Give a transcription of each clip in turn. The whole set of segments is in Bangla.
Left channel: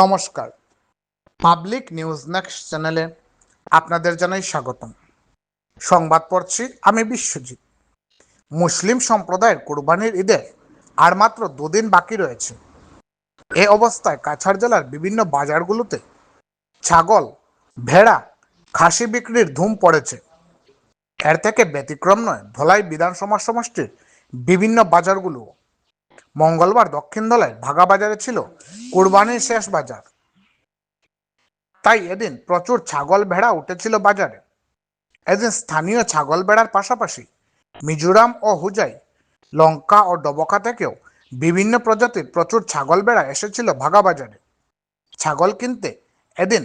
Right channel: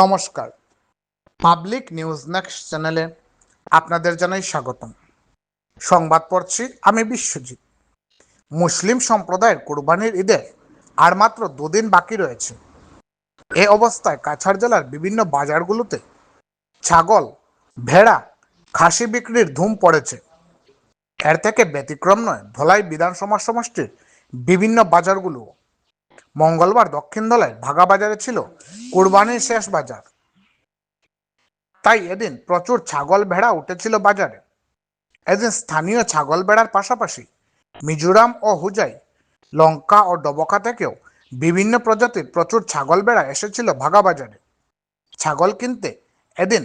নমস্কার, পাবলিক নিউজ নেক্সট চ্যানেলে আপনাদের জানাই স্বাগতম। সংবাদ পড়ছি আমি বিশ্বজিৎ। মুসলিম সম্প্রদায়ের কোরবানির ঈদের আর মাত্র দুদিন বাকি রয়েছে। এ অবস্থায় কাছাড় জেলার বিভিন্ন বাজারগুলোতে ছাগল, ভেড়া, খাসি বিক্রির ধুম পড়েছে। এর থেকে ব্যতিক্রম নয় ধলাই বিধানসভা সমষ্টির বিভিন্ন বাজারগুলো। মঙ্গলবার দক্ষিণ ধলাই ভাগা বাজারে ছিল কোরবানির শেষ বাজার। তাই এদিন প্রচুর ছাগল ভেড়া উঠেছিল বাজারে। এদিন স্থানীয় ছাগল ভেড়ার পাশাপাশি মিজোরাম ও হুজাই, লঙ্কা ও ডবকা থেকেও বিভিন্ন প্রজাতির প্রচুর ছাগল ভেড়া এসেছিল ভাগা বাজারে। ছাগল কিনতে এদিন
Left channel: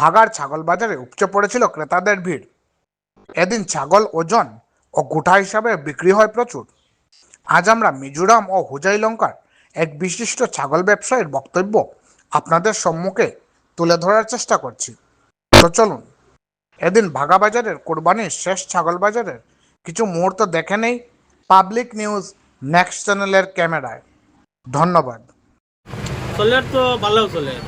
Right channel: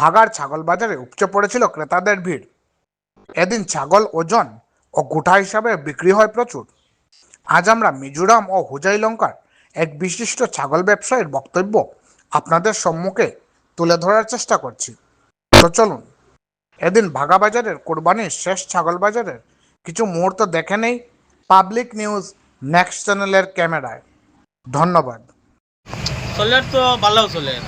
ভাগার ছাগল বাজারে উপচে পড়েছিল ক্রেতাদের ভিড়। এদিন ছাগল ওজন ও গোটা হিসাবে বিক্রি হয় প্রচুর। আজ আমরা মিজোরাম ও হুজাই লঙ্কার এক বিশিষ্ট ছাগল ব্যবসায়ীর বক্তব্য আপনাদের সম্মুখে তুলে ধরার চেষ্টা করছি। তো চলুন এদিন ভাগা বাজারের কোরবানির শেষ ছাগল বাজারের কিছু মুহূর্ত দেখে নেই পাবলিক নিউজ নেক্সট চ্যানেলের ক্যামেরায়। ধন্যবাদ। চলের তো ভালো চলের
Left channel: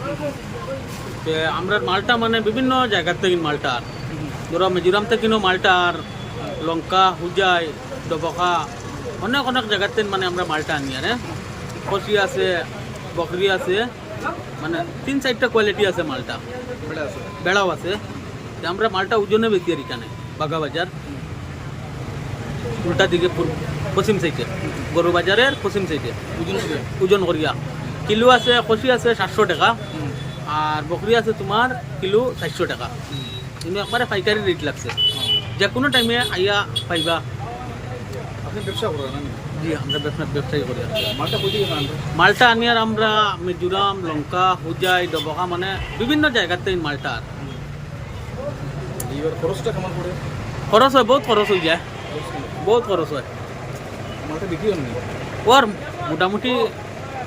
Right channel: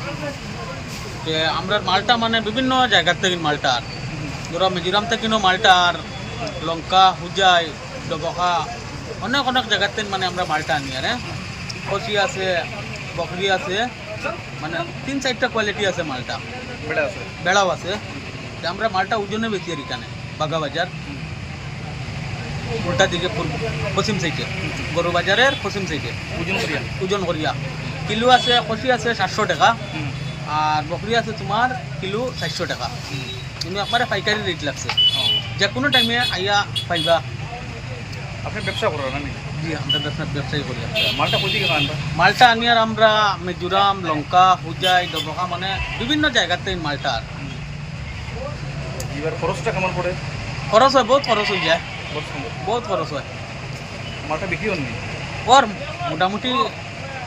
যে আমরা মালটা মানে বিভিন্ন জায়গার থেকে মালটার ধরো মিজোরাম থেকেও মালটার, লঙ্কা, হুজাই, ডবকা অনেক অনেক জায়গার থেকে মানে আমরা মালটা আনি। আর খসি আছে, বকরি আছে, মানে 3-4টা কোয়ালিটি আছে মালটা, বেড়াও আছে। আমরা মালটা ওজনে বেশি আর এখানে বাগা বাজার উল্টা দিকে পশ্চিম সাইডে, গরু বাজারের পশ্চিম সাইডে ওজন করিয়া কিলো আছে। খসি আছে 700 টাকা আর বকরি আছে তোমার কিলো 400 টাকা। কিন্তু একবারে পাইকারি রেট লাগছে, যে কোনো টাইমে আইয়া পাইবা। আপনি ব্যবসা করেন না? জি, আমরা ব্যবসায়ী করি। মালটা কই দিকে আনবা? মালটা আনি আর আমরা মিজোরাম, লঙ্কা, হুজাই, ডবকা মানে বিভিন্ন জায়গার থেকে মালটা। আর এবার খরচটা কেমন পড়ে? খরচ হয়, বহুত খরচ হয়ে যায়, বহুত খরচ হয়। মালটা বিক্রি হননি? ওর মোটামুটি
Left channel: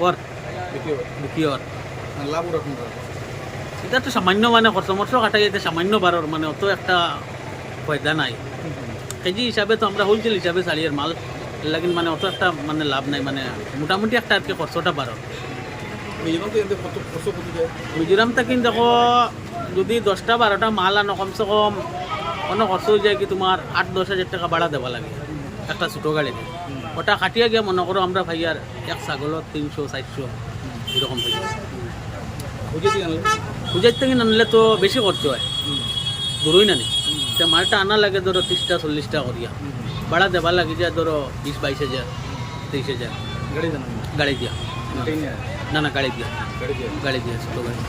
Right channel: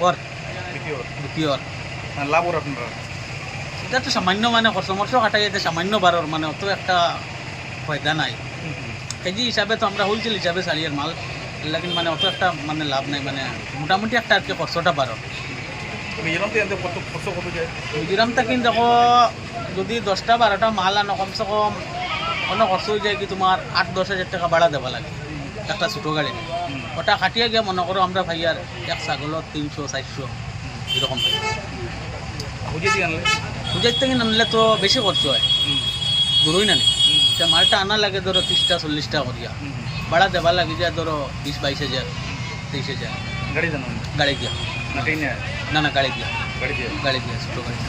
ওর বিক্রি ওর লাভ ওর আপনারা? এটা তো সামান্য মানে খরচ মরচ কাটাই যেতে সামান্য বারোর মানে অত একটা ফায়দা নাই। কেজি হিসাবে তো আমরা হোলসেল হিসাবে চালিয়ে মাল লাগিন মানে অত একটা মানে লাভ নাই, মানে মোটামুটি একটা আর কি খরচটা বারো। মিজোরাম থেকে খরচ কত যায়? মিজোরাম থেকে দেখো যদি 10-12টা মাল আনো কমসে কম অনেক খরচ হয়ে যায় কি তোমার 8-10 হাজার টাকা ভাড়া দেওয়া লাগে একটা ছোটো গাড়িতে। ওটা কাটিয়ে গিয়ে মনে করো আমরা ভাই আর এক ছাগলত 300-400 এরকম ভাই। হুজে দিয়ে আনলে? হুজার থেকে আনলে তো বেশি খরচ হয়, দূরই না নি। মালটা আনা লাগে ধরো 30-40টা করিয়া, ভাড়া দেওয়া লাগে যায় ধরো 20-22 হাজার 23 হাজার। গাড়ি জানো? গাড়ি দিয়া না গাড়ি দিয়া ছোটো গাড়ি।